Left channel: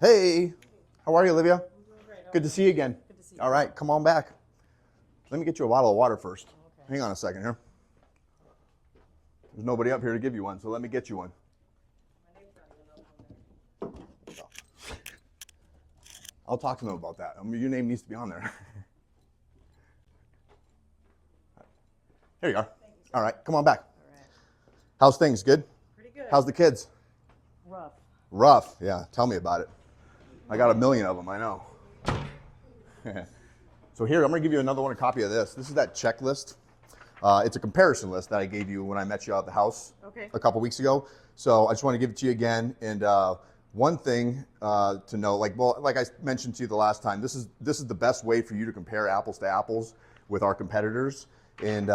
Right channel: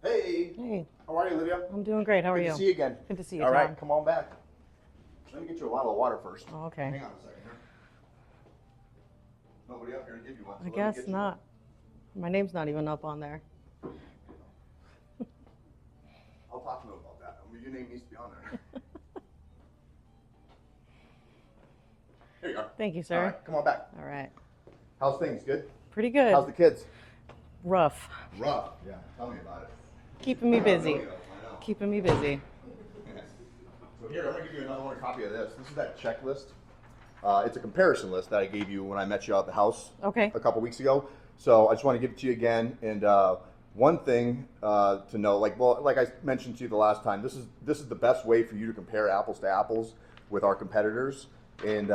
Hey, Hey, how are you, Olivia? I'm doing great. How are Good you? to see you again. Good to see you, All right, Tom. come on back. Let me get you a bottle of water first. Oh, okay. Hang on a second here. There's nobody up here to give you one, so I let me guess get you not. My name's not even up on there. one. I'll talk to them about that. I mean, your name needs to be on there. There you are. Thank you, sir. All right, come on back. All right. How's things? Good? Pretty good. How's the kids? Rough. Rough. Yeah, tell me about it. Keeping I me got busy. a million of them, I know. Keeping me busy. So here, I'm going to give you another one, a copy of this. This is that checklist. It's a comparison list that I gave you when I met you out at the house Okay. a couple weeks ago. So I just want to give it to you again. And one thing to know, like I mentioned to you the last time, this is the best way for you to compare apples to apples with our competitors. And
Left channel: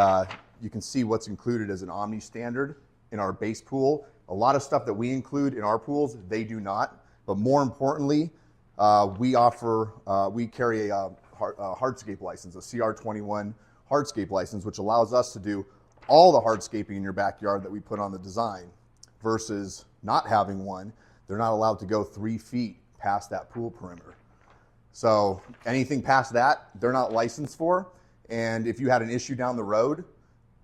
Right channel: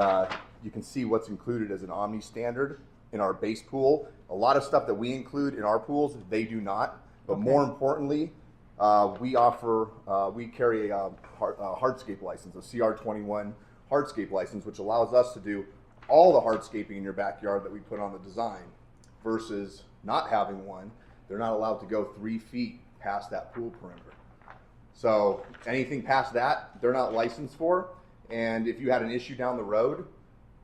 you can see what's included as an Omni standard in our base pool. A lot of stuff that we include in our pools, they do not. But more importantly, we carry a hardscape license, a CR21 hardscape license, which allows us to do all the hardscaping in your backyard that we put on the design versus not having one. They're not allowed to go 3 feet past that pool perimeter. So anything past that, they're not licensed for. And if you had an issue down the road,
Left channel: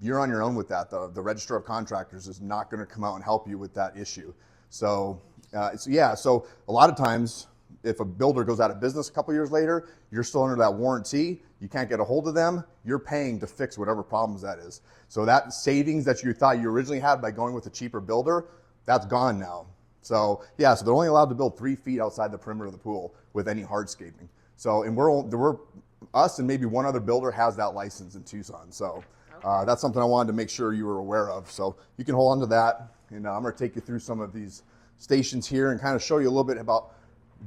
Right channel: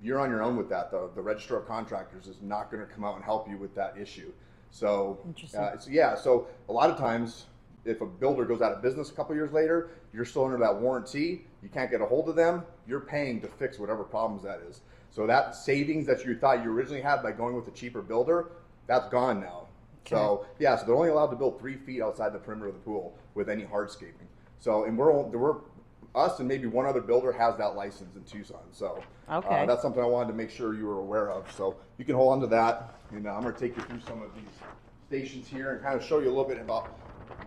you're on your own with that. The Registrar of Contractors is not going to come out and help you with that issue. So, so a lot of times, if a builder goes out of business a couple years later, you're still under that warranty, you can't get a hold of them, you're paying to fix whatever problems that is. So that savings that you thought you originally had by going with a cheaper builder, that's gone now. So so they're only allowed to build 3 feet outside the perimeter of the pool with any hardscaping. So, and we're us and maybe one other builder has that license in Tucson. So that's something I wanted to make sure you were aware of. So you can hold on to that. And I'm going to take you through some of these stations here and kind of show you a little bit about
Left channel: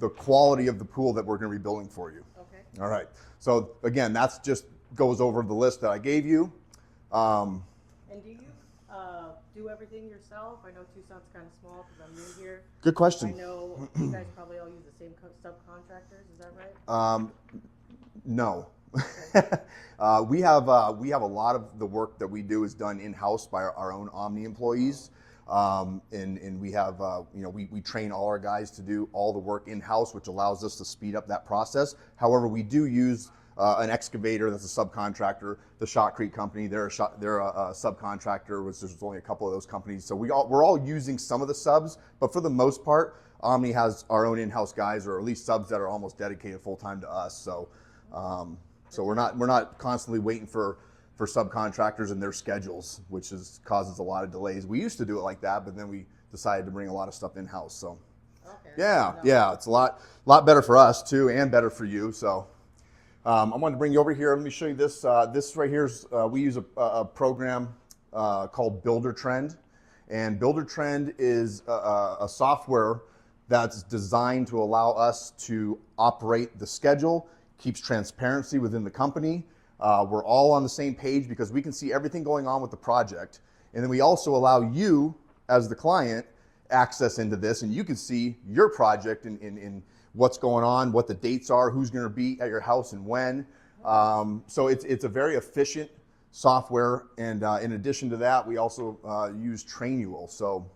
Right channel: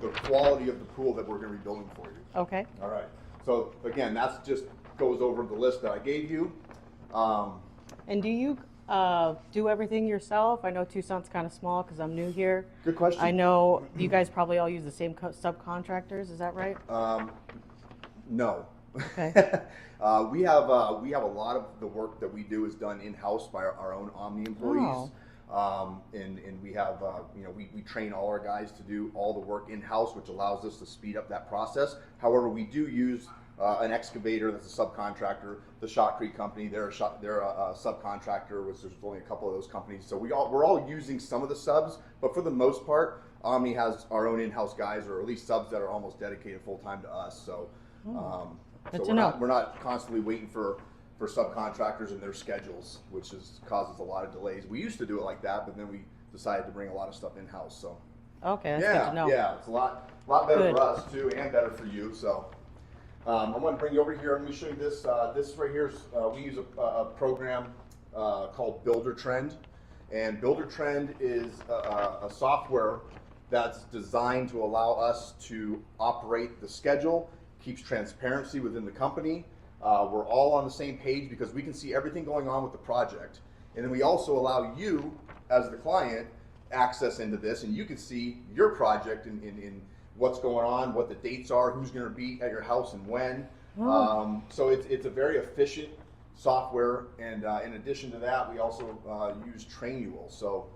the quality of the pool that we're going to be building for you. Okay. All right. So again, that's just goes over the list that I gave you. And do you do everything yourself? I know Tucson's kind of small because I'm new here. Good question. I know you guys probably all use the same subcontractors. Is that right? No. Okay. We have a lot of the work that we do is done in-house by our own Omni employees. And we have, we train all our guys to do all the work in-house, which allows us to speed up that process. However, we do use an excavator that's a subcontractor. The Shotcrete company, they're a subcontractor, which there's only a couple of those companies. So we're all using some of the subs, but for the most part, Omni has our own in-house guys, or at least subs that are almost dedicated full-time to us. So, we're not constantly waiting for subcontractors and their schedules, which causes a lot of delays. We used to do it like that, but then we decided to bring a lot of stuff in-house. So Okay. it's a lot better for us too, and better for you. So I'm going to bring you over here. Let me show you this. This right here is we use a program called Builder Trend, and Builder Trend is a software that's designed to allow us to operate the schedule, keeps transparency within the company. We're all on the same page because we can see everything going on with the project. And then we also allow you, as the client, access into this, and you can see your project in what's going on, what the dates are, who's going to be at your house and when. So it's a very efficient software. And in addition to that, we also use Trainual. So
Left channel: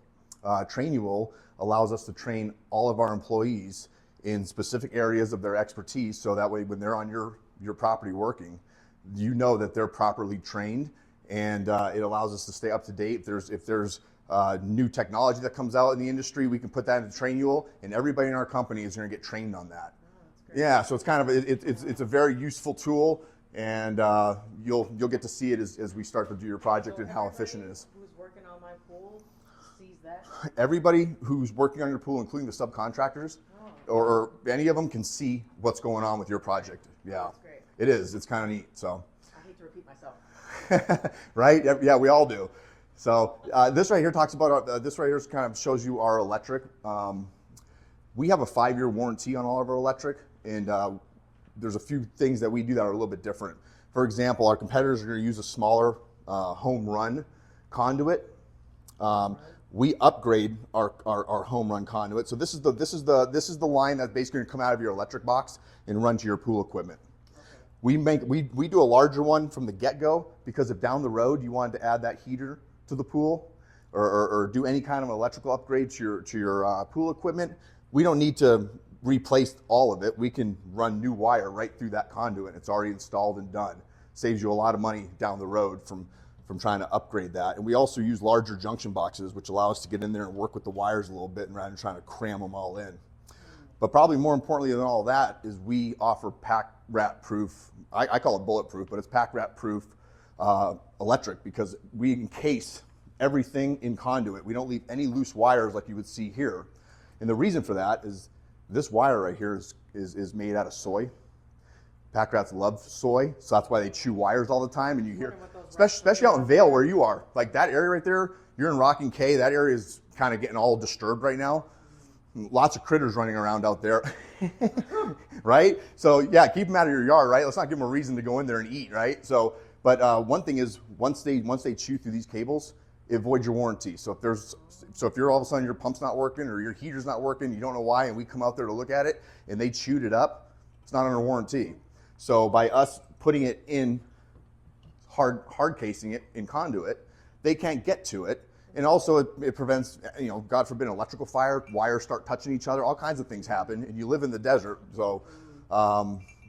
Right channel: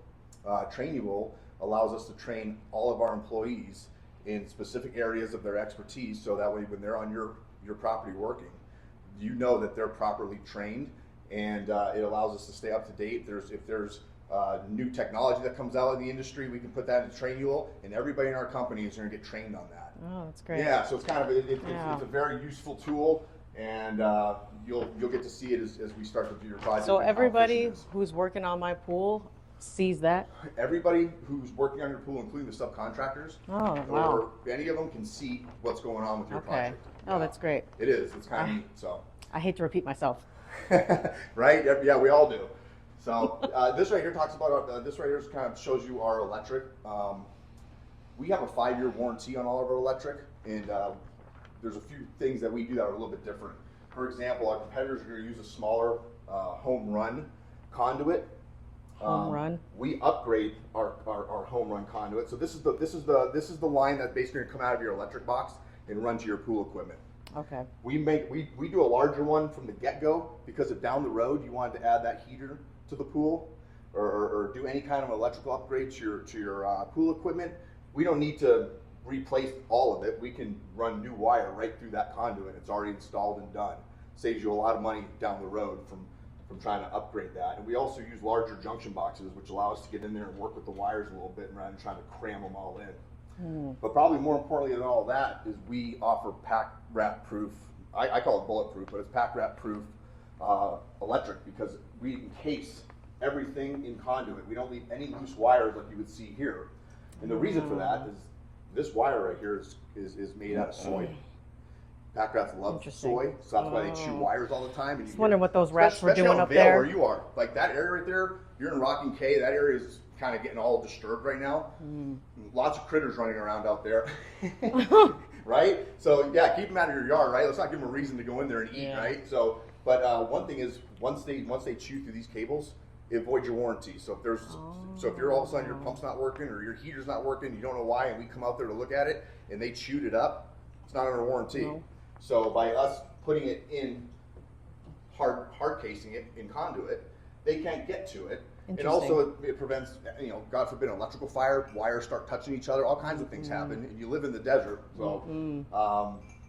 Trainual allows us to train all of our employees in specific areas of their expertise, so that way when they're on your property working, you know that they're properly trained, and it allows us to stay up to date. If there's new technology that comes out in the industry, we can put that into Trainual, and everybody in our company is going to get trained on that. Oh, that's great. Yeah, so it's kind of it's a very useful tool, and you'll get to see it as we start to do your project. So and how efficient everybody it is. who's working on my pool sees that? Everybody who's working on your pool, including the subcontractors, Oh, wow. or any of them, can see what's going on with your project. Oh, that's great. It is. It's kind of neat. So, I hate to repeat myself. right? Yeah, we all do. So this right here talks about this right here kind of shows you our electric. We have a 5-year warranty on all of our electric, and there's a few things that we do that are a little bit different. For example, our competitors are going to use a smaller home run conduit. We upgrade our home run conduit. So this is the line that's basically going to come out of your electric box and run to your pool equipment. Okay. We do a larger one from the get-go, because if down the road you wanted to add that heater to the pool, or do any kind of electrical upgrade to your pool equipment, we don't need to replaced all of it, we can run new wire right through that conduit. It's already installed and done. Saves you a lot of money down the road from trying to upgrade that. And we also use larger junction boxes, which allow us to get in there and work with the wires a little bit rather than trying to cram them all in. But probably more importantly than all that is we offer pack rat proof, I call it bulletproof, but it's pack rat proof electric, because we encase everything in conduit. We don't leave any loose wires like you would see here. And the reason for that is this wire right here is made out of soy. Pack rats love soy, so that's why they chew wires all the time. And you wondering what those rats were especially doing out in up Vail there. where you are, like that area right there. You're in Rock and K. That area is kind of getting all disturbed right now. Lots of critters running around out there, right? So yeah, keep them out of your yard, right? Let's not give them a reason to go in there and eat, right? So, but one thing is, once they chew through these cables, it voids your warranty. So if you're all of a sudden your pump's not working or your heater's not working, you don't know why, and we come out there to look at it and they chewed it up, it's not under warranty. So by us putting it in hard casing it in conduit, they can't get to it. And also it prevents, God forbid, an electrical fire, wires start touching each other, all kinds of things happen, and you live in the desert. So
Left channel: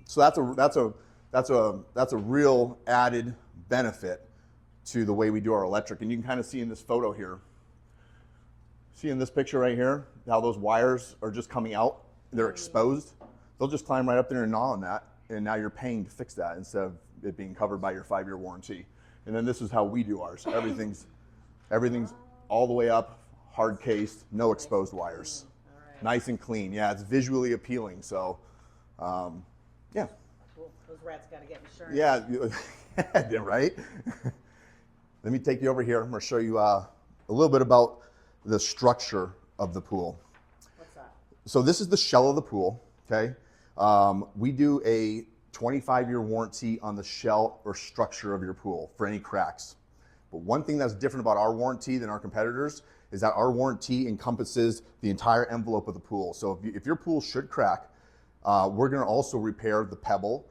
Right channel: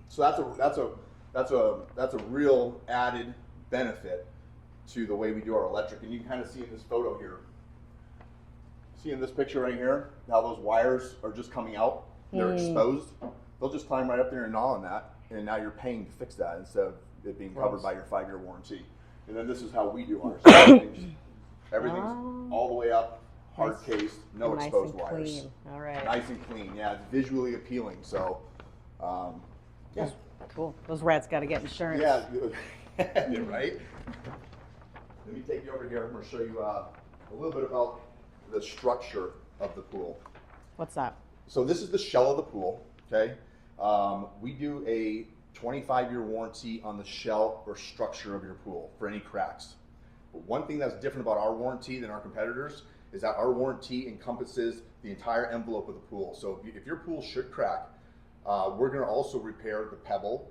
so that's a real added benefit to the way we do our electric. And you can kind of see in this photo here, see in this picture right here, how those wires are just coming out, they're exposed. They'll just climb right up there and gnaw on that, and now you're paying to fix that instead of it being covered by your 5-year warranty. And then this is how we do ours. Everything's all the way up, hard cased, no exposed wires. Clean. All right. Nice and clean. Yeah, it's visually appealing. So, yeah. Cool. Those rats got to get insurance. Yeah, yeah, right? Let me take you over here. I'm going to show you a little bit about the structure of the pool. What's that? So this is the shell of the pool, okay? We do a 25-year warranty on the shell or structure of your pool for any cracks. But one thing that's different about our warranty than our competitors is that our warranty encompasses the entire envelope of the pool. So if your pool should crack, we're going to also repair the pebble.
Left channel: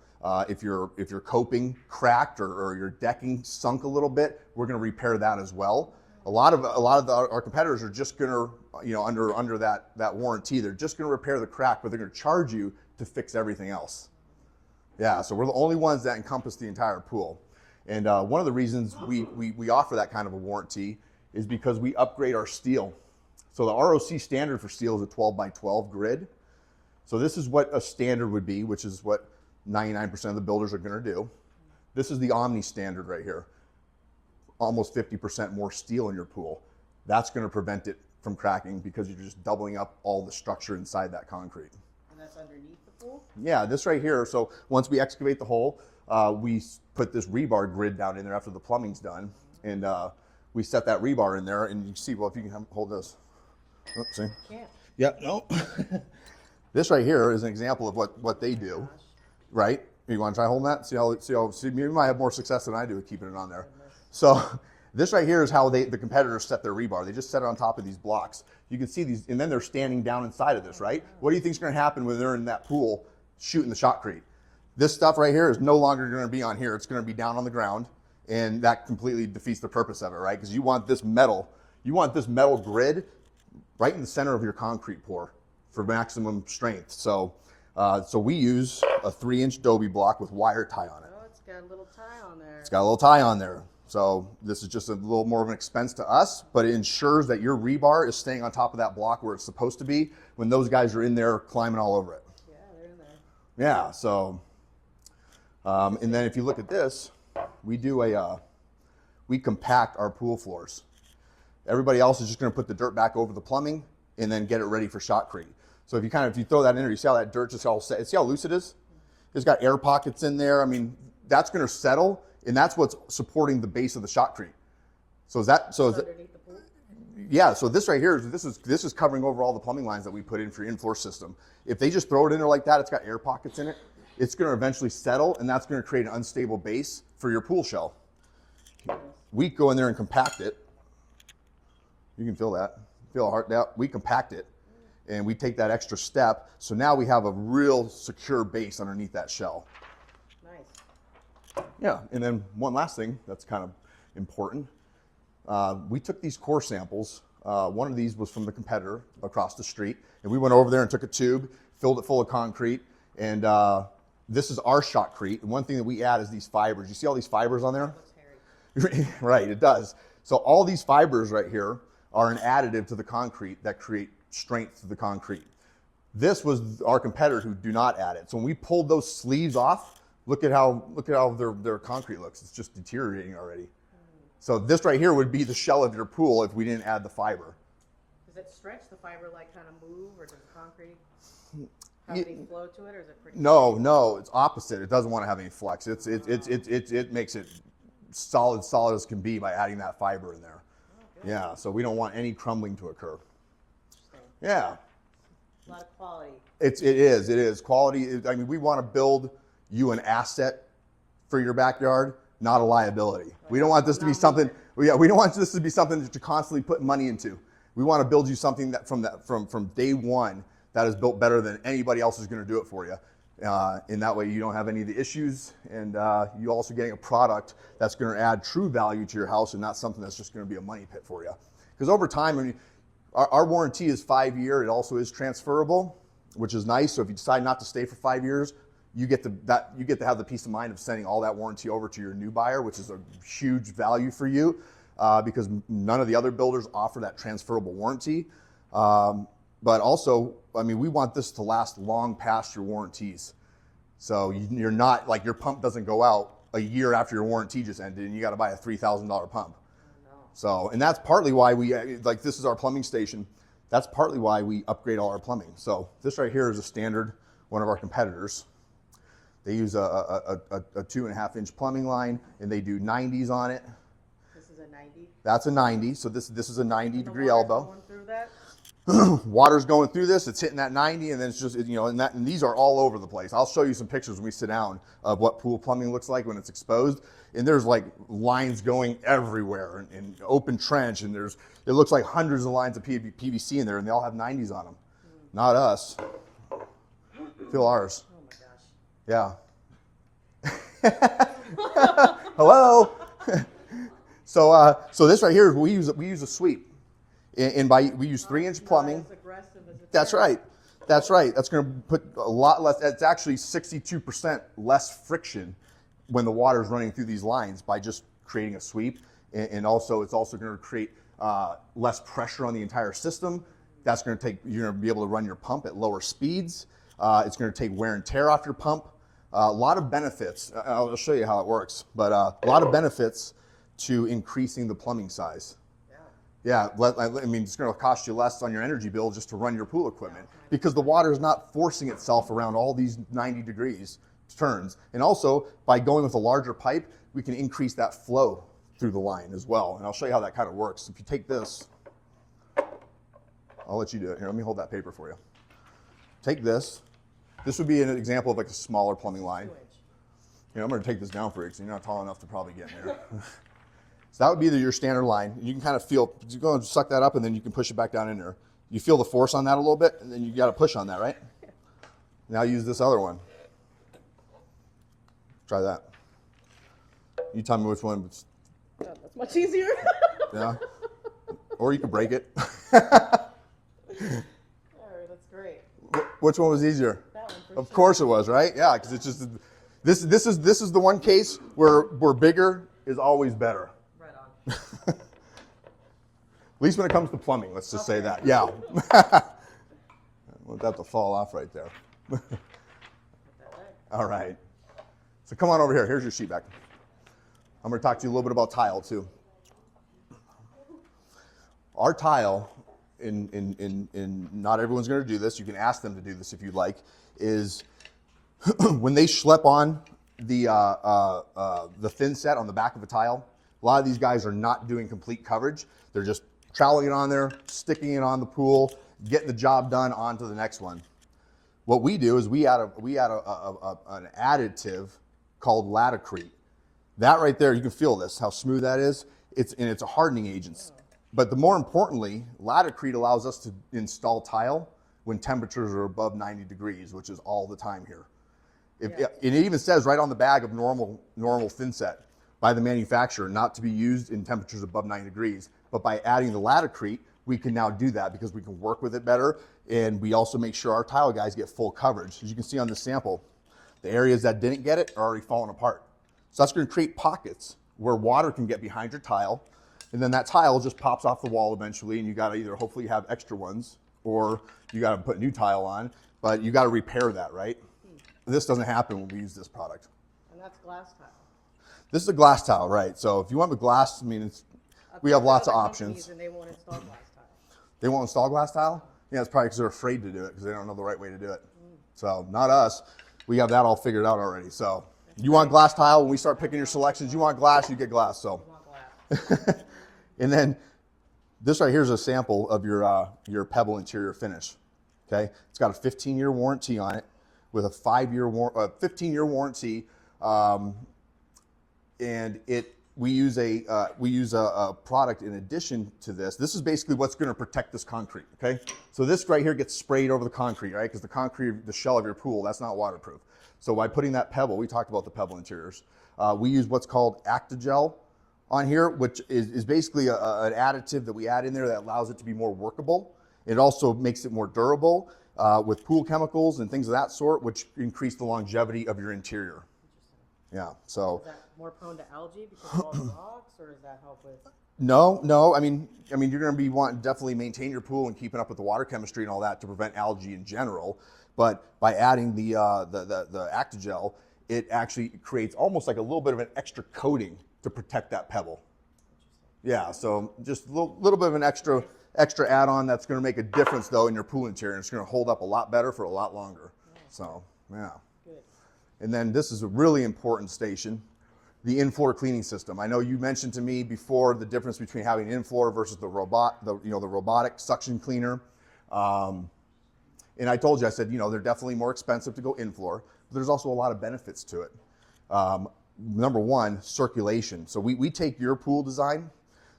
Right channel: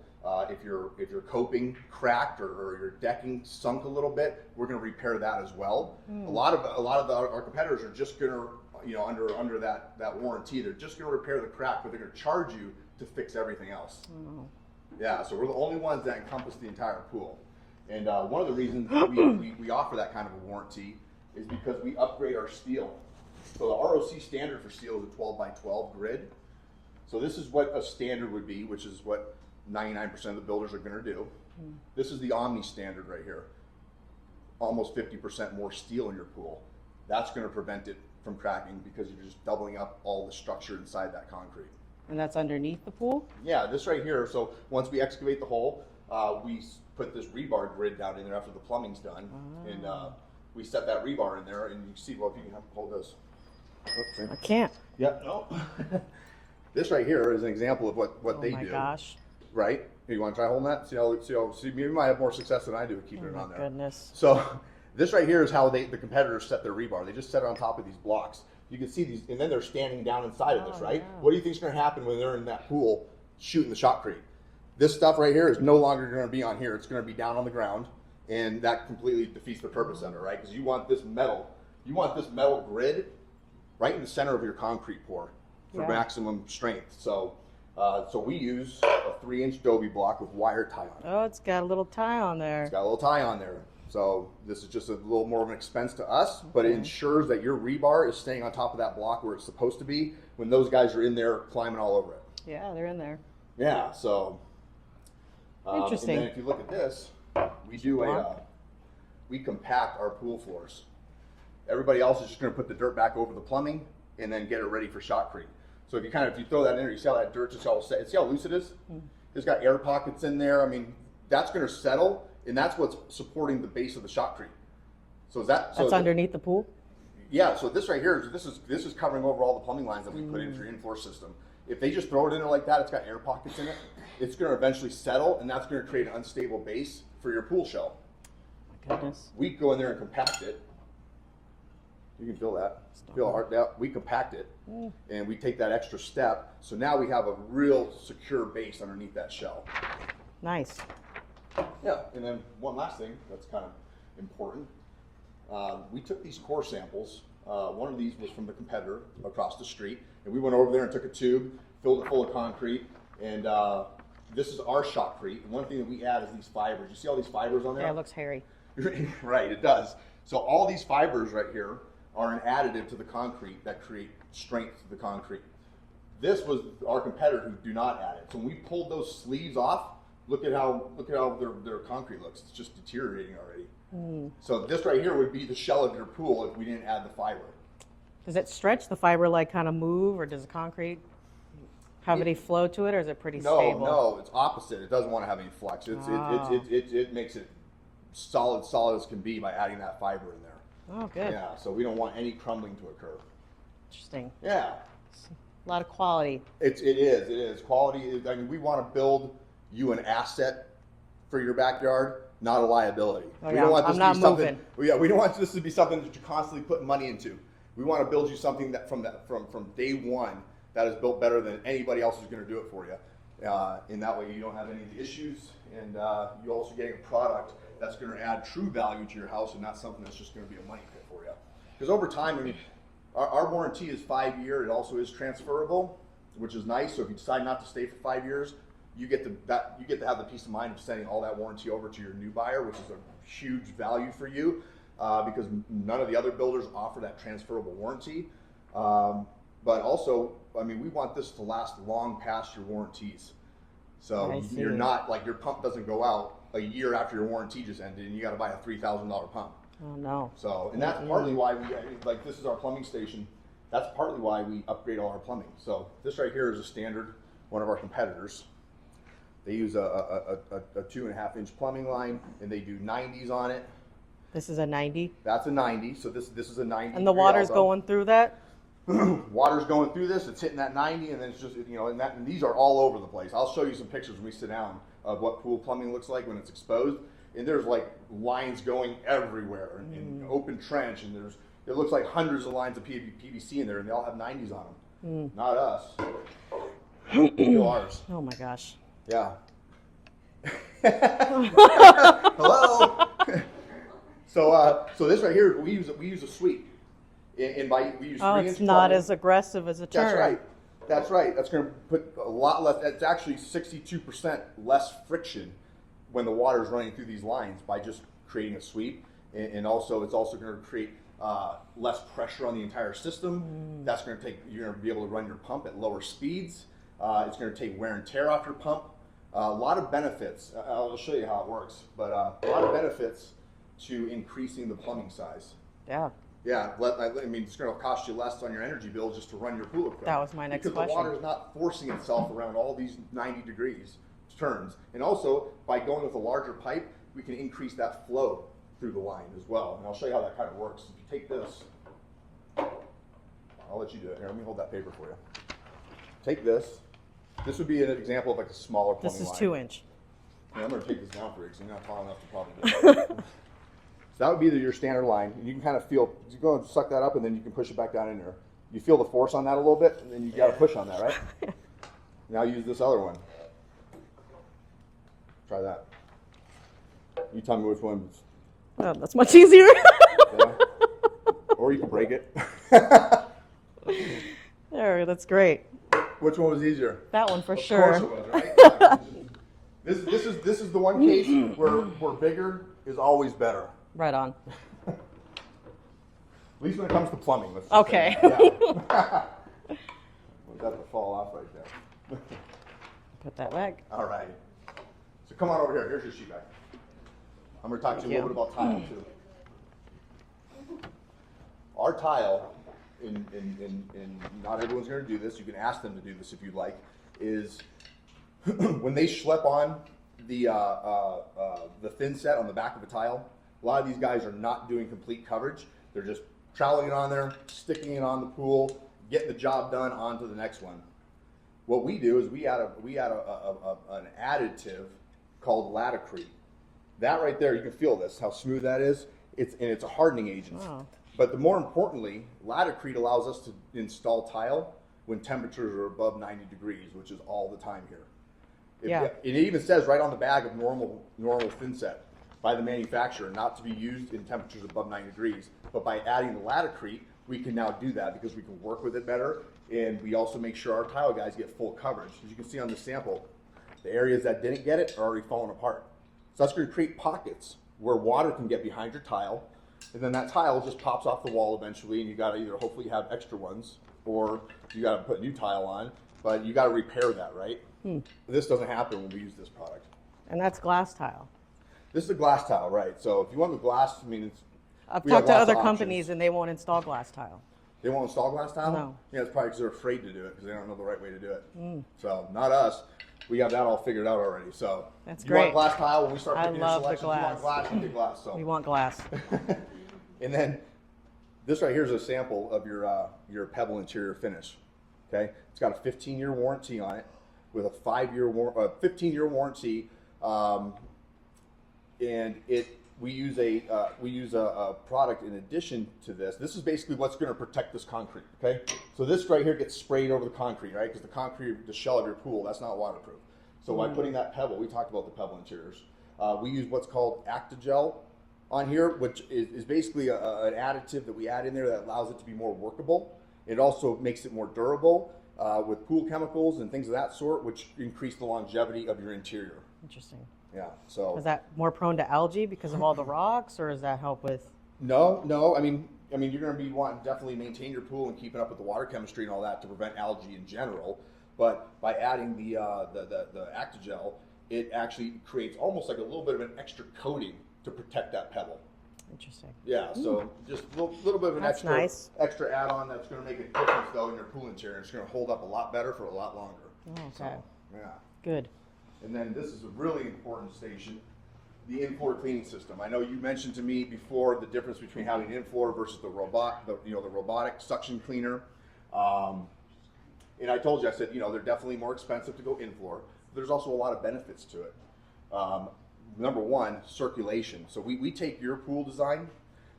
If your coping cracked or your decking sunk a little bit, we're going to repair that as well. A lot of our competitors are just going to, under that warranty, they're just going to repair the crack, but they're going to charge you to fix everything else. Yeah, so we're the only ones that encompass the entire pool. And one of the reasons we offer that kind of a warranty is because we upgrade our steel. So the ROC standard for steel is a 12 by 12 grid. So this is what a standard would be, which is what 99% of the builders are going to do. This is the Omni standard right here. Almost 50% more steel in your pool. That's going to prevent it from cracking because you're just doubling up all the structure inside that concrete. And that's underneath the pool? Yeah, this right here. So once we excavate the hole, we put this rebar grid down in there after the plumbing's done. And we set that rebar in there, and you see, well, if you can hold this. Oops, see? I can't. Yep, no. This right here is an example of what they do. Gosh. Right? You want to try holding that? See, you might have more success than I do with keeping it on there. Goodness. So this right here is how the competitors set their rebar. They just set it on top of these blocks. You can see these, and then they're standing down inside of this, right? No. What do you think is going to happen when they're in that pool shooting the shotcrete? This stuff right here is no longer going to be on here. It's going to be down on the ground, and that completely defeats the purpose of it, right? Because you want this metal grid right in the center of your concrete pour for maximum strength. So we use a 3-inch Dobie block with wire tie on it. Oh, it's got a little tie on there. It's got a little tie on there. So this is just a little more of an expense to us, but it ensures that your rebar is staying on top of that block where it's supposed to be when those guys are in there climbing all over it. Yeah, they're in there. Yeah, so, and then if you look at this, we do we compact our pool floors. Everybody else is just gonna put the dirt back over the plumbing and then get it ready for shotcrete. So if you throw that in there, you see how that dirt just all set, see how loose it is? It's got air pockets in there. I mean, that's gonna settle, and that's what's supporting the base of the shotcrete. So that's underneath the pool? Yeah, so this right here, this is covering over all the plumbing lines that we put in for your in-floor system. If they just throw it in there like that, it's got air pockets in it, it's gonna eventually settle, and that's gonna create an unstable base for your pool shell. Goodness. We go in there and compact it. You can feel that. Feel hard now. We compact it, and we take that extra step. So now we have a real secure base underneath that shell. Nice. Yeah, and then one last thing that's kind of important. We took these core samples. One of these was from the competitor across the street, and we went over there and took a tube, filled it full of concrete, and this is our shotcrete. And one thing that we add is these fibers. You see all these fibers on there? Yeah, it looks hairy. Right, it does. So all these fibers right here are an additive to the concrete that create strength to the concrete. This was our competitors who do not add it. So when we pulled those sleeves off, look at how their concrete looks. It's just deteriorating already. So this right here would be the shell of your pool if we didn't add the fiber. Does it stretch the fiber, like kind of move, or does the concrete have any flow to it, or is it pretty stable? No, it's opposite. It doesn't want to have any flex. It makes it solid as can be by adding that fiber in there. Oh, good. Yeah, so we don't want any crumbling to occur. Interesting. Yeah. A lot of quality. It is. Quality, I mean, we want to build you an asset for your backyard, not a liability. We don't want this to be something. We don't want this to be something that you're constantly putting money into. We want to build you something that from day one that is built better than anybody else is going to do it for you. In that way, you don't have any of the issues, and you're also getting a product that's going to add true value to your house and not something that's just going to be a money pit for you. Because over time, I mean, our warranty is 5 year. It also is transferable, which is nice. So if you decide not to stay for 5 years, you get to have the peace of mind of sending all that warranty over to your new buyer, which is a huge value for you, because none of the other builders offer that transferable warranty. But also, I mean, we want this to last long past your warranties. So you're not like your pump doesn't go out a year after your warranty just ended and you got to buy a $3,000 pump. Oh, no. So, and that's partly why like this is our plumbing station. That's partly why we upgrade all our plumbing. So this right here is a standard, one of our competitors. They use a 2.5 inch plumbing line and they do 90s on it. This is a 90? That's a 90. So this is a 90. And the water's going through that? Water's going through this, it's hitting that 90, and then it's just, you know, and these are all over the place. I'll show you some pictures when we sit down of what pool plumbing looks like when it's exposed. And there's like lines going everywhere and open trench, and it looks like hundreds of lines of PVC in there, and they all have 90s on them. Not us. Feel ours. Oh my gosh. Yeah. Hello. So this right here, we use a sweep. And we use 3-inch plumbing. It's not as aggressive as a turn. That's right. That's right. That's going to put a lot less. It's actually 62% less friction when the water is running through these lines by just creating a sweep. And also, it's also going to create less pressure on the entire system. That's going to take. You're going to be able to run your pump at lower speeds. It's going to take wear and tear off your pump. A lot of benefits. I'll show you how it works. But a lot of benefits to increasing the plumbing size. Yeah. Yeah, I mean, it's going to cost you less on your energy bill just to run your pool equipment. That was my next Because the water is not forcing itself around all these 90 degrees turns. And also, by going with a larger pipe, we can increase that flow through the line as well. And I'll show you how that kind of works. If you take this, I'll let you do it. Here, let me hold that paper for you. Take this. This would be an example of like a smaller plumbing line. This is 2-inch. Yeah, I'm going to take this down for you because you're not tall enough to probably get it. So that would be your standard line. And you can kind of feel, you go and suck that up and then you can push it back down in there. You feel the force on that a little bit and then you got to push on that, right? Now use this other one. Try that. You tell me which one. Oh, that's much easier. Yeah. Or you can break it. There, that's great. Which one was easier? That one for sure. Of course it was, right? Yeah, 'cause it's just, this is the one case where bigger is always better. Right on. At least when it comes to plumbing, let's just say that. Yeah. I want that to fall off right there. Put that back. All right. So come on over here. Here's your sheet back. I'm going to talk to you a little bit about tile too. Our tile, and not everyone's going to do this. You can ask them to do this if you'd like. Is when they schlep on the thin set on the back of the tile. A lot of these guys are not doing complete coverage. They're just troweling it on there, sticking it on the pool, getting the job done, on to the next one. What we do is we add an additive called Latacrete. That right there, you can feel this, how smooth that is. It's a hardening agent. Wow. But more importantly, Latacrete allows us to install tile when temperatures are above 90 degrees, which is all the time here. It even says right on the bag of normal thin set by the manufacturer not to be used in temperatures above 90 degrees. But by adding the Latacrete, we can now do that because we can work with it better And we also make sure our tile guys get full coverage. As you can see on this sample, the areas that didn't get it are already falling apart. So that's going to create pockets where water can get behind your tile, and then that tile just pops off the wall eventually, and you got to either hopefully have extra ones, or you got to put a new tile on, but you got to repair that, right? This doesn't happen when we use this product. And that's glass tile. This is a glass tile, right? So if you want the glass, I mean, I've we have talked to lots of other options. companies and they won't install glass tile. They won't install glass tile? No. Yeah, it's probably because they're afraid to do it because they don't know the right way to do it. So not us. We have that all figured out already. So That's you want great. glass tile, when we start I picking your love the selections, you glass. want glass, you get glass. So We want glass. and then this right here is a sample of your pebble interior finish. Okay, it's got a 15-year warranty on it with a 15-year warranty, and we use a product in addition to this. This is basically what's going to protect this concrete. Okay, so this right here gets sprayed over the concrete, right? Because the concrete, the shell of your pool, that's not waterproof. So by putting that pebble, we talked about the pebble interiors. We use what's called Actigel on here, which is basically an additive that we add in there that allows it to be more workable. It also makes it more durable with pool chemicals and things of that sort, which increase the longevity of your interior. Interesting. Yeah. So Is that more prone to algae because of all the rocks, or does that help with? no. I mean, you're going to be wanting to definitely maintain your pool and keeping up with the water chemistry and all that to prevent algae in general. But by adding the Actigel, it actually creates almost like a little bit of an extra coating to protect that pebble. Interesting. Yeah, so just a little bit of an extra nice. extra add-on that's going to make a difference though in your pool interior. It's going to hold up a lot better for a lot longer. Okay. So yeah, Good. and then this is a really important station, the in-floor cleaning system. I know you mentioned to me before the difference between having in-floor versus the robotic suction cleaner, and I told you, I said, they're definitely more expensive to go in-floor, but there's also a lot of benefits to it. Number one, circulation. So we take your pool design.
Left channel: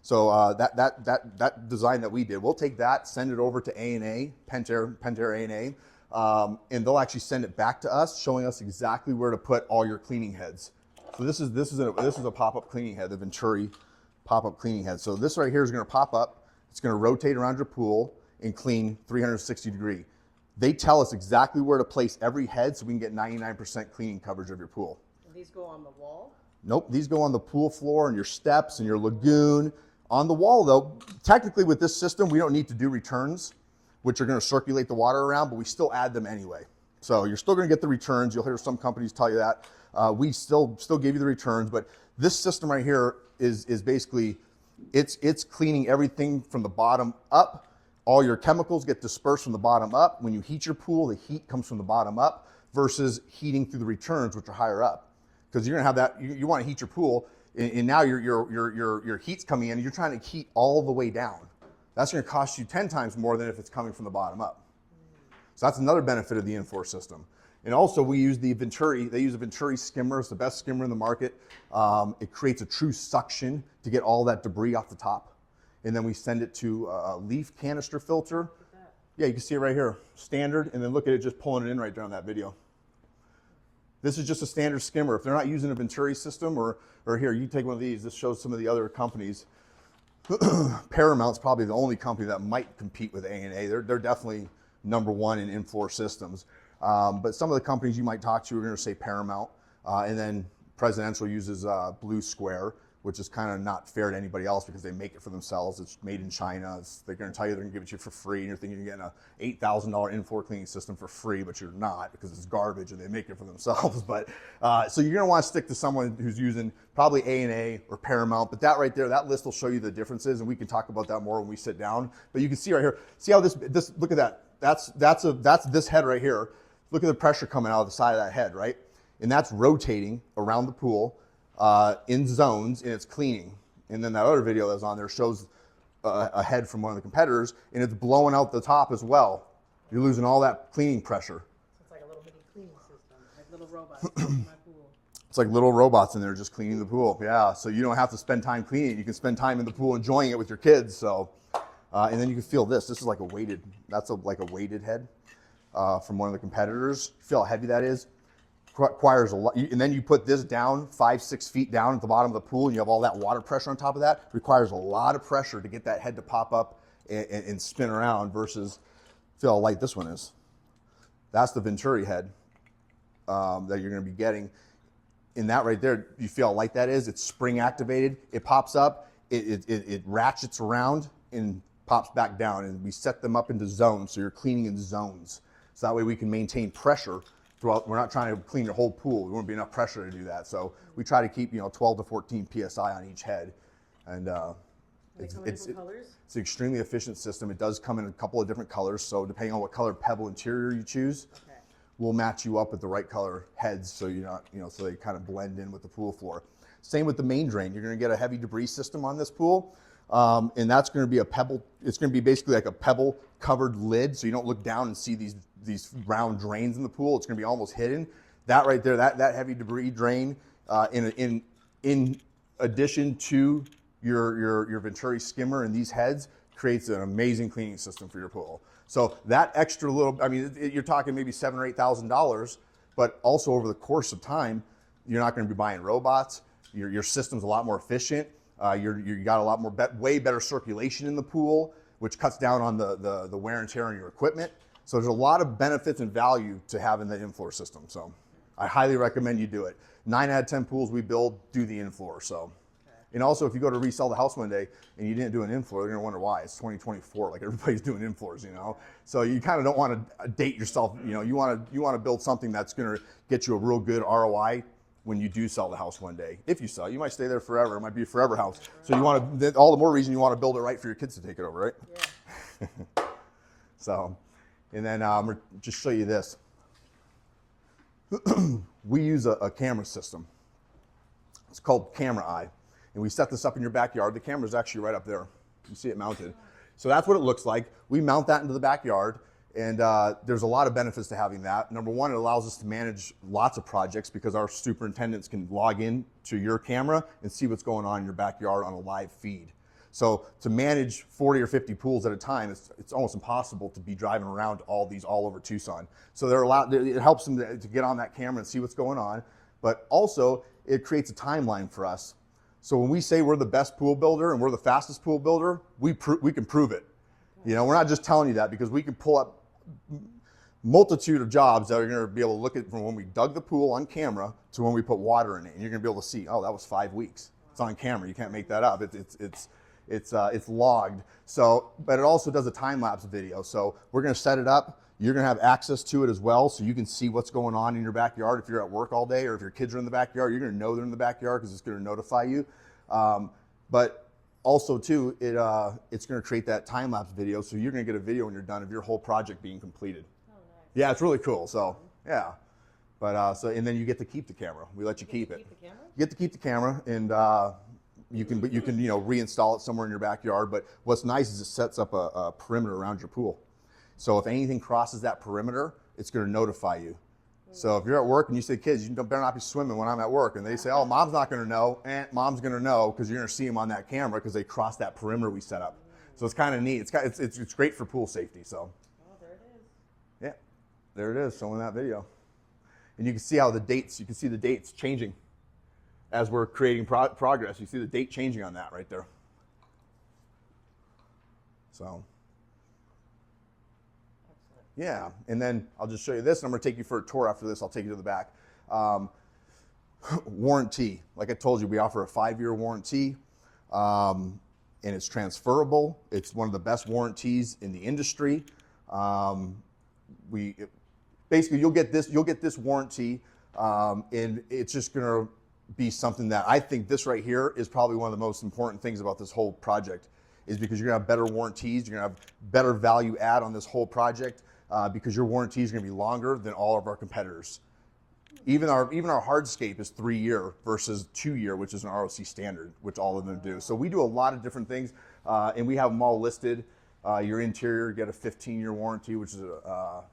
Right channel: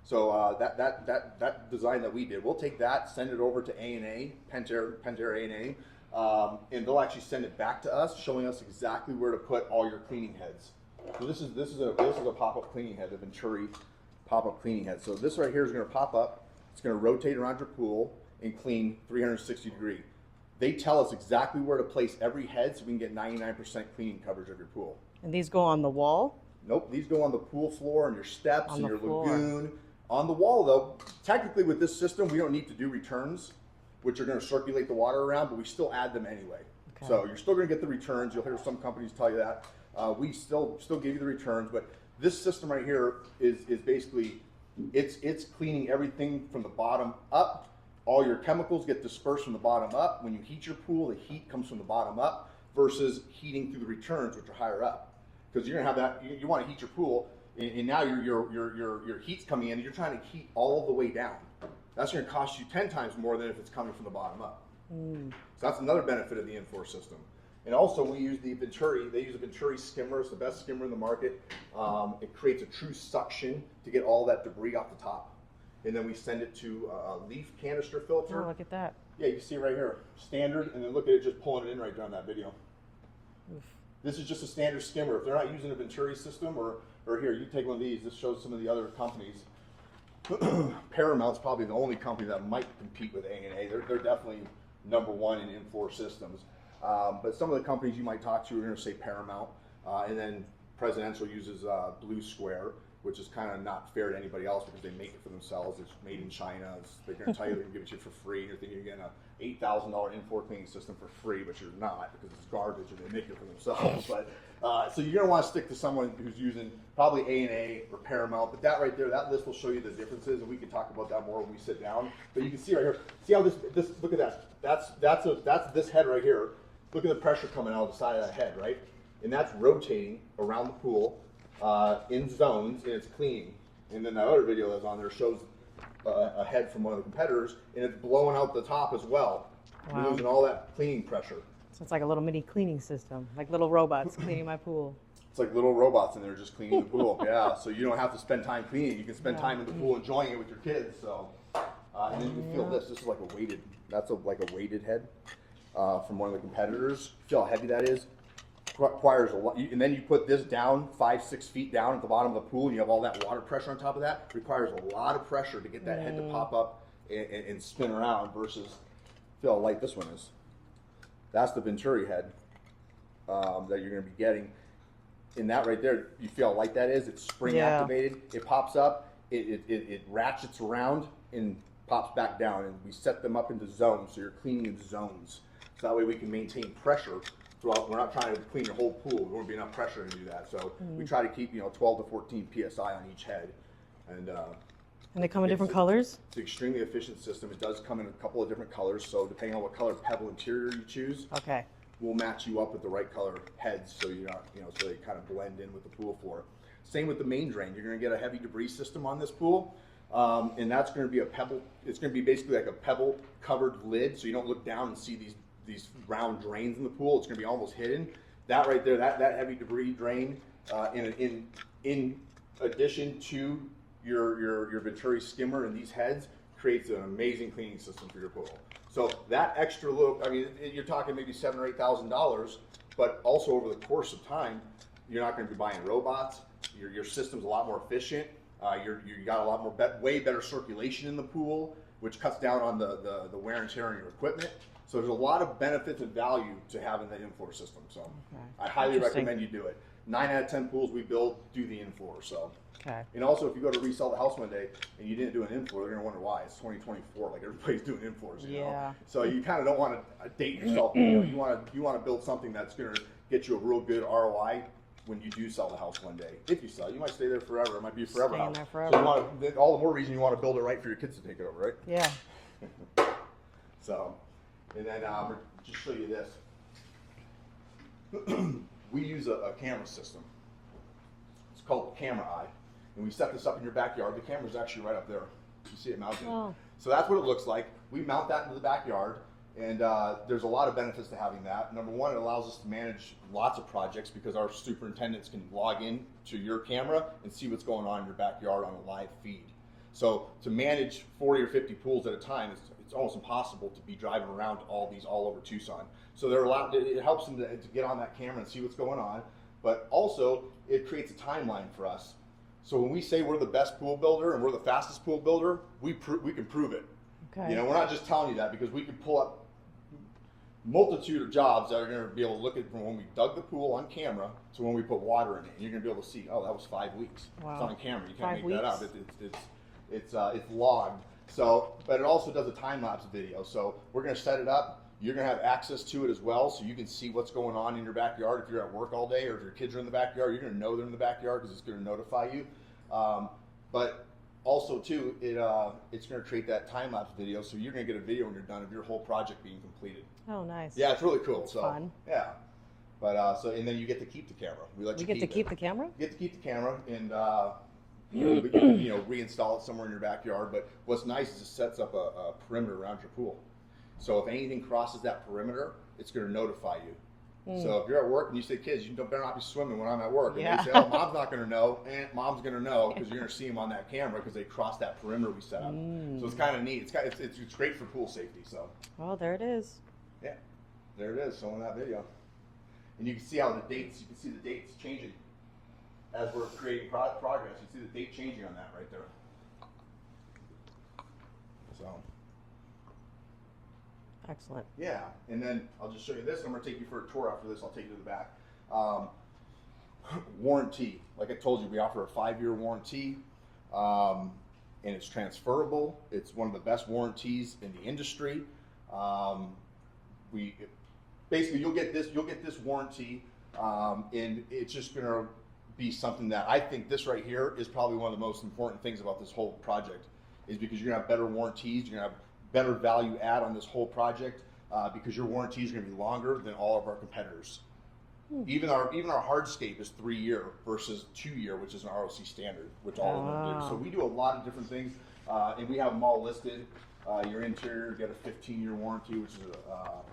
So that design that we did, we'll take that, send it over to A&A, Pentair A&A, and they'll actually send it back to us, showing us exactly where to put all your cleaning heads. So this is a pop-up cleaning head, the Venturi pop-up cleaning head. So this right here is going to pop up. It's going to rotate around your pool and clean 360 degree. They tell us exactly where to place every head so we can get 99% cleaning coverage of your pool. And these go on the wall? Nope, these go on the pool floor and your steps On and the your floor. lagoon. On the wall though, technically with this system, we don't need to do returns, which are going to circulate the water around, but we still add them anyway. Okay. So you're still going to get the returns. You'll hear some companies tell you that. We still give you the returns, but this system right here is basically, it's cleaning everything from the bottom up. All your chemicals get dispersed from the bottom up. When you heat your pool, the heat comes from the bottom up versus heating through the returns, which are higher up. Because you're gonna have that, you want to heat your pool, and now your heat's coming in, and you're trying to heat all the way down. That's gonna cost you 10 times more than if it's coming from the bottom up. So that's another benefit of the in-floor system. And also we use the Venturi, they use a Venturi skimmer, it's the best skimmer in the market. It creates a true suction to get all that debris off the top. And then we send it to a leaf canister filter. Oh, look at that. Yeah, you can see it right here, standard, and then look at it just pulling it in right down that video. This is just a standard skimmer. If they're not using a Venturi system, or here, you take one of these, this shows some of the other companies. Paramount's probably the only company that might compete with A&A. They're definitely number one in in-floor systems. But some of the companies you might talk to are going to say Paramount, and then Presidential uses Blue Square, which is kind of not fair to anybody else because they make it for themselves. It's made in China. They're going to tell you they're going to give it to you for free, and you're thinking you're getting an $8,000 in-floor cleaning system for free, but you're not because it's garbage and they make it for themselves. But so you're going to want to stick to someone who's using probably A&A or Paramount. But that right there, that list will show you the differences, and we can talk about that more when we sit down. But you can see right here. See how this look at that. That's this head right here. Look at the pressure coming out of the side of that head, right? And that's rotating around the pool. In zones, and it's cleaning. And then that other video that's on there shows a head from one of the competitors, and it's blowing out the top as well. Wow. You're losing all that cleaning pressure. So it's like a little mini cleaning system, like little robots cleaning my pool. It's like little robots in there just cleaning the pool. Yeah, so you don't have to spend time cleaning. You can spend time in the pool enjoying it with your kids. So, and then you can feel this. This is like a weighted. That's like a weighted head from one of the competitors. Feel how heavy that is. Requires a lot, and then you put this down 5-6 feet down at the bottom of the pool, and you have all that water pressure on top of that. Requires a lot of pressure to get that head to pop up and spin around versus feel how light this one is. That's the Venturi head that you're going to be getting. In that right there, you feel how light that is? It's spring activated. It pops up, it ratchets around and pops back down. And we set them up into zones, so you're cleaning in zones. So that way we can maintain pressure throughout. We're not trying to clean your whole pool. There won't be enough pressure to do that. So we try to keep 12 to 14 PSI on each head. And they come in different colors? It's an extremely efficient system. It does come in a couple of different colors. So depending on what color pebble interior you choose, we'll match you up with the right color heads so you're not, so they kind of blend in with the pool floor. Same with the main drain. You're going to get a heavy debris system on this pool, and that's going to be a pebble. It's going to be basically like a pebble covered lid, so you don't look down and see these round drains in the pool. It's going to be almost hidden. That right there, that heavy debris drain, in addition to your Venturi skimmer and these heads, creates an amazing cleaning system for your pool. So that extra little, you're talking maybe $7,000 or $8,000, but also over the course of time, you're not going to be buying robots. Your system's a lot more efficient. You got a lot more, way better circulation in the pool, which cuts down on the wear and tear on your equipment. So there's a lot of benefits and value to having the in-floor system. So I highly recommend you do it. 9 out of 10 pools we build do the in-floor. So. And also, if you go to resell the house one day and you didn't do an in-floor, they're gonna wonder why. It's 2024, like everybody's doing in-floors, you know. So you kind of don't want to date yourself. You want to build something that's gonna get you a real good ROI when you do sell the house one day. If you sell, you might stay there forever. It might be a forever house. So you want to, all the more reason you want to build it right for your kids to take it over, right? Yeah. So, and then just show you this. We use a camera system. It's called Camera Eye. And we set this up in your backyard. The camera's actually right up there. You see it mounted. So that's what it looks like. We mount that into the backyard, and there's a lot of benefits to having that. Number one, it allows us to manage lots of projects because our superintendents can log in to your camera and see what's going on in your backyard on a live feed. So to manage 40 or 50 pools at a time, it's almost impossible to be driving around all over Tucson. So it helps them to get on that camera and see what's going on, but also it creates a timeline for us. So when we say we're the best pool builder and we're the fastest pool builder, we can prove it. We're not just telling you that, because we can pull up multitude of jobs that are going to be able to look at from when we dug the pool on camera to when we put water in it, and you're going to be able to see, oh, that was 5 weeks. It's on camera. You can't make that up. It's logged. So, but it also does a time lapse video. So we're going to set it up. You're going to have access to it as well, so you can see what's going on in your backyard. If you're at work all day, or if your kids are in the backyard, you're going to know they're in the backyard because it's going to notify you. But also too, it's going to create that time lapse video, so you're going to get a video when you're done of your whole project being completed. Oh, nice. Yeah, it's really cool. So fun. Yeah, but and then you get to keep the camera. We let you keep it. You get to keep the camera? You get to keep the camera, and you can reinstall it somewhere in your backyard. But what's nice is it sets up a perimeter around your pool. So if anything crosses that perimeter, it's going to notify you. So if you're at work and you say, kids, you better not be swimming when I'm at work, and they say, oh, mom's not going to know, mom's going to know, because you're going to see them on that camera because they cross that perimeter we set up. So it's kind of neat. It's great for pool safety. So. Oh, there it is. Yeah, there it is, showing that video. And you can see how the dates changing as we're creating progress. You see the date changing on that right there. So. Excellent. Yeah, and then I'll just show you this, and I'm going to take you for a tour after this. I'll take you to the back. Warranty. Like I told you, we offer a 5-year warranty, and it's transferable. It's one of the best warranties in the industry. Basically, you'll get this warranty, and it's just going to be something that I think this right here is probably one of the most important things about this whole project, is because you're going to have better warranties, you're going to have better value add on this whole project, because your warranty is going to be longer than all of our competitors. Even our hardscape is 3-year versus 2-year, which is an ROC standard, which all of them do. So we do a lot of different things, and we have them all listed. Your interior, you get a 15-year warranty, which is a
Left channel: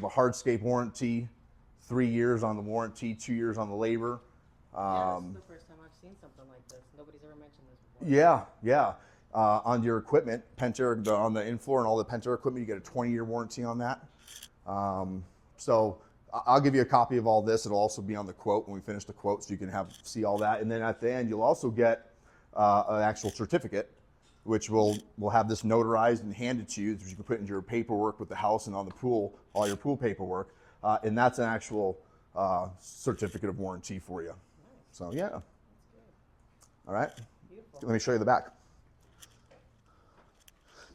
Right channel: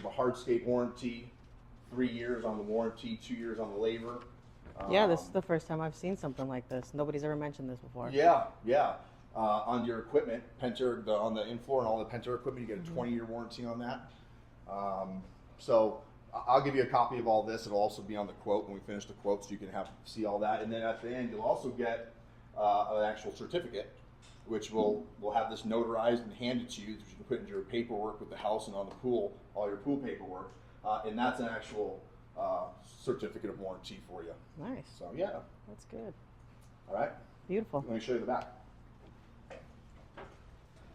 hardscape warranty, 3 years on the warranty, 2 years on the labor. Yeah, this is the first time I've seen something like this. Nobody's ever mentioned this before. Yeah. On your equipment, Pentair, on the in-floor and all the Pentair equipment, you get a 20-year warranty on that. So I'll give you a copy of all this. It'll also be on the quote when we finish the quote, so you can see all that. And then at the end, you'll also get an actual certificate which we'll have this notarized and handed to you, which you can put into your paperwork with the house and on the pool, all your pool paperwork, and that's an actual certificate of warranty for you. Nice. So yeah. That's good. All right. Beautiful. Let me show you the back.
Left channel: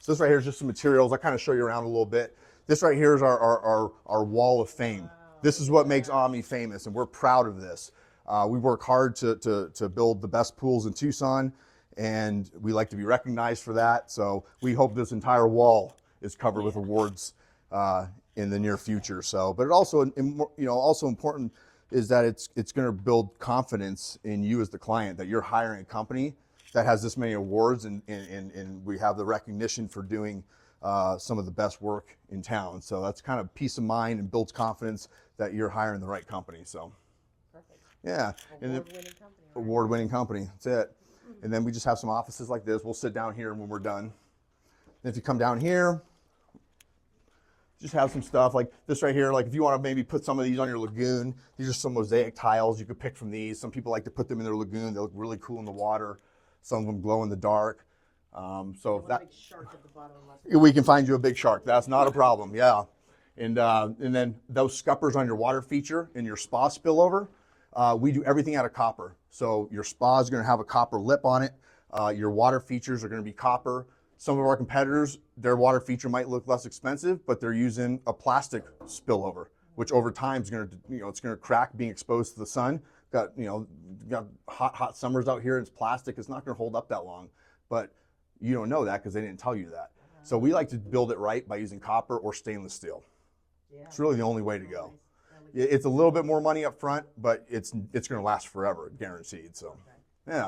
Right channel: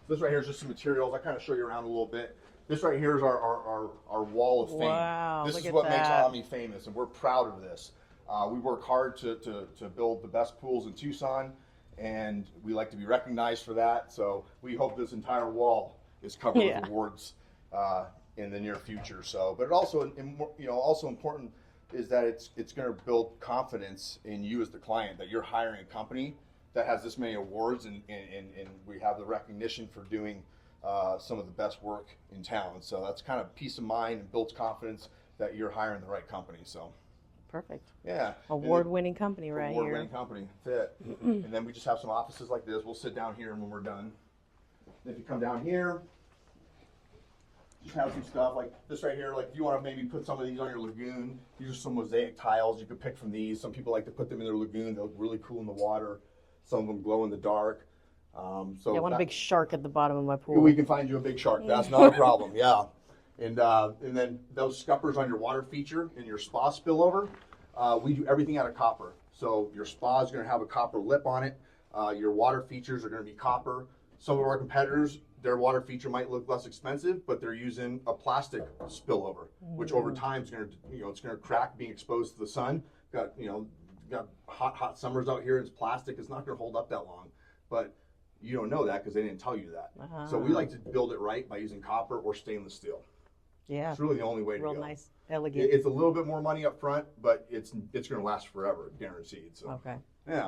So this right here is just some materials. I kind of show you around a little bit. This right here is our wall of fame. Wow, this look is at what makes that. Omni famous, and we're proud of this. We work hard to build the best pools in Tucson, and we like to be recognized for that. So we hope this entire wall is covered with awards in the near future. So, but it also, also important is that it's going to build confidence in you as the client, that you're hiring a company that has this many awards, and we have the recognition for doing some of the best work in town. So that's kind of peace of mind and builds confidence that you're hiring the right company. So Perfect. yeah, Award-winning company, right? award-winning company. That's it. And then we just have some offices like this. We'll sit down here when we're done. And if you come down here, just have some stuff like this right here. Like if you want to maybe put some of these on your lagoon, these are some mosaic tiles you could pick from these. Some people like to put them in their lagoon. They look really cool in the water. Some of them glow in the dark. So I want a big shark at the bottom of my pool. we can find you a big shark. That's not a problem. Yeah. And then those scuppers on your water feature and your spa spillover, we do everything out of copper. So your spa is going to have a copper lip on it. Your water features are going to be copper. Some of our competitors, their water feature might look less expensive, but they're using a plastic spillover, which over time is going to, it's going to crack being exposed to the sun. Got hot summers out here. It's plastic. It's not going to hold up that long, but you don't know that because they didn't tell you that. So we like to build it right by using copper or stainless steel. Yeah. It's really the only way to Real go. nice, elegant. It's a little bit more money up front, but it's going to last forever, guaranteed. So Okay. yeah.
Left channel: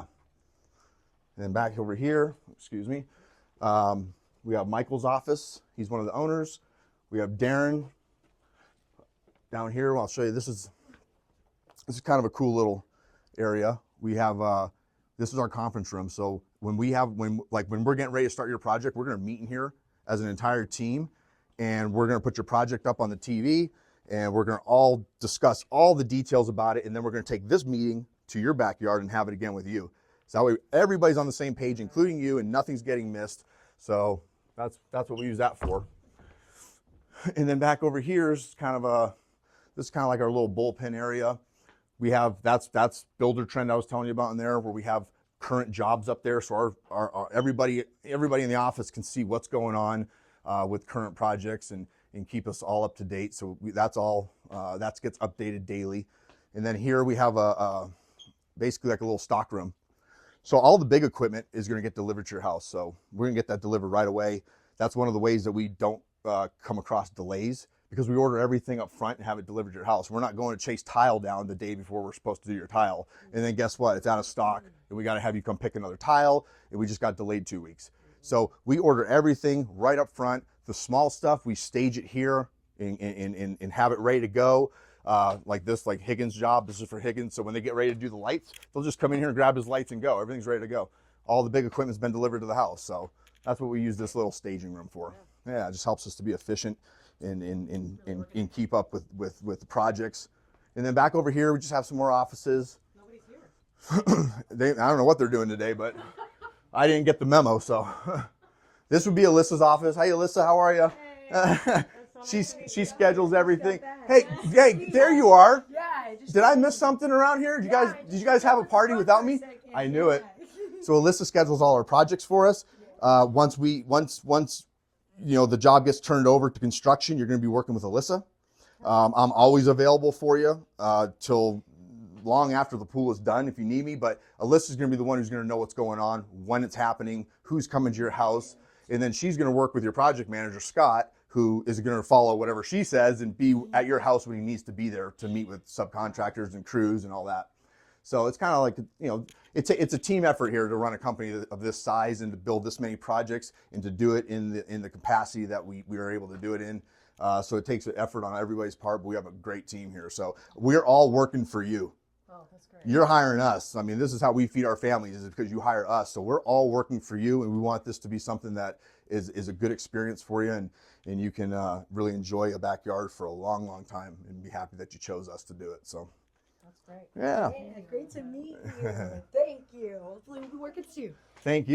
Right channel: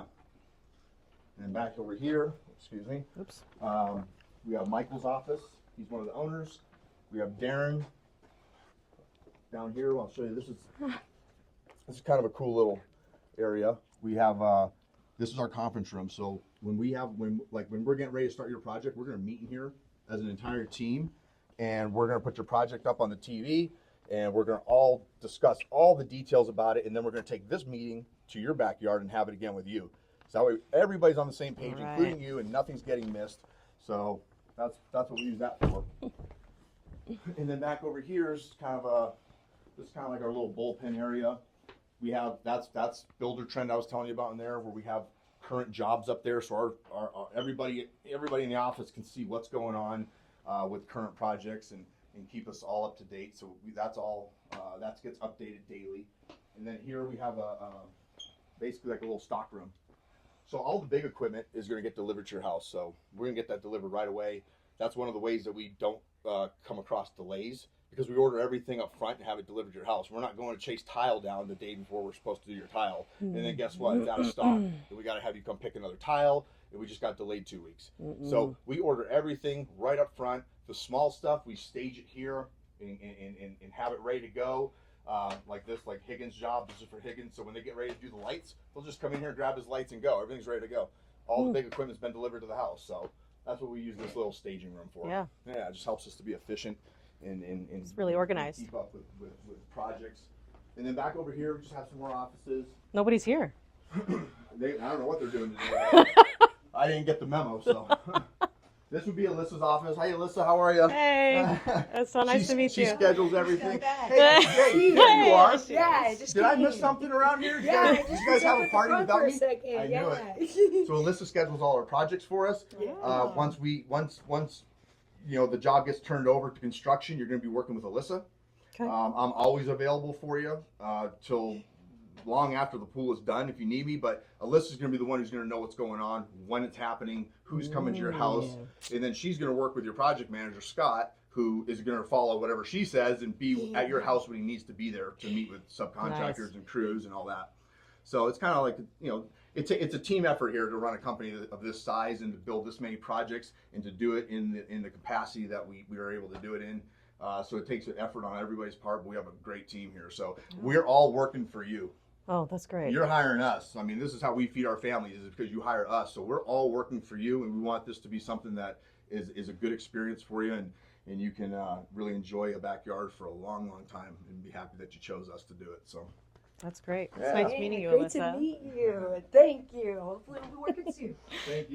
And then back over here, excuse me. Oops. We have Michael's office. He's one of the owners. We have Darren down here. I'll show you. This is kind of a cool little area. We have this is our conference room. So when we're getting ready to start your project, we're going to meet in here as an entire team, and we're going to put your project up on the TV, and we're going to all discuss all the details about it, and then we're going to take this meeting to your backyard and have it again with you. So that way everybody's on the same page, including you, and nothing's getting missed. So that's what we use that for. And then back over here is kind of like our little bullpen area. We have that's Builder Trend I was telling you about in there, where we have current jobs up there, so our everybody in the office can see what's going on with current projects and keep us all up to date. So that gets updated daily. And then here we have basically like a little stock room. So all the big equipment is going to get delivered to your house. So we're going to get that delivered right away. That's one of the ways that we don't come across delays, because we order everything up front and have it delivered to your house. We're not going to chase tile down the day before we're supposed to do your tile. And then guess what? It's out of stock. And we got to have you come pick another tile, and we just got delayed 2 weeks. So we order everything right up front. The small stuff, we stage it here and have it ready to go. Like Higgins' job, this is for Higgins. So when they get ready to do the lights, they'll just come in here and grab his lights and go. Everything's ready to go. All the big equipment's been delivered to the house. So that's what we use this little staging room for. Yeah, it just helps us to be efficient and really organized. And keep up with the projects. And then back over here, we just have some more offices. Nobody's here. I don't know what they're doing today, but I didn't get the memo. So this would be Alyssa's office. Hey, Alyssa, how are you? Hey, that's so nice to meet you. She schedules everything. Hey, there you are. Yeah, Did I miss something around here? Did you guys have a party without me? I knew it. So Alyssa schedules all our projects for us. Once the job gets turned over to construction, you're going to be working with Alyssa. Okay. I'm always available for you till long after the pool is done if you need me, but Alyssa's going to be the one who's going to know what's going on, when it's happening, who's coming to your house, and then she's going to work with your project manager, Scott, who is going to follow whatever she says and be at your house when he needs to be there to meet with subcontractors and crews and all that. So it's kind of like, it's a team effort here to run a company of this size and to build this many projects and to do it in the capacity that we are able to do it in. So it takes an effort on everybody's part, but we have a great team here. So we're all working for you. Oh, that's great. You're hiring us. I mean, this is how we feed our families, is because you hire us. So we're all working for you, and we want this to be something that is a good experience for you, and you can really enjoy a backyard for a long, long time and be happy that you chose us to do it. So that's great. Yeah. It's nice meeting you, Great Alyssa. to meet you. Thank you. Hopefully we'll work it soon. thank you.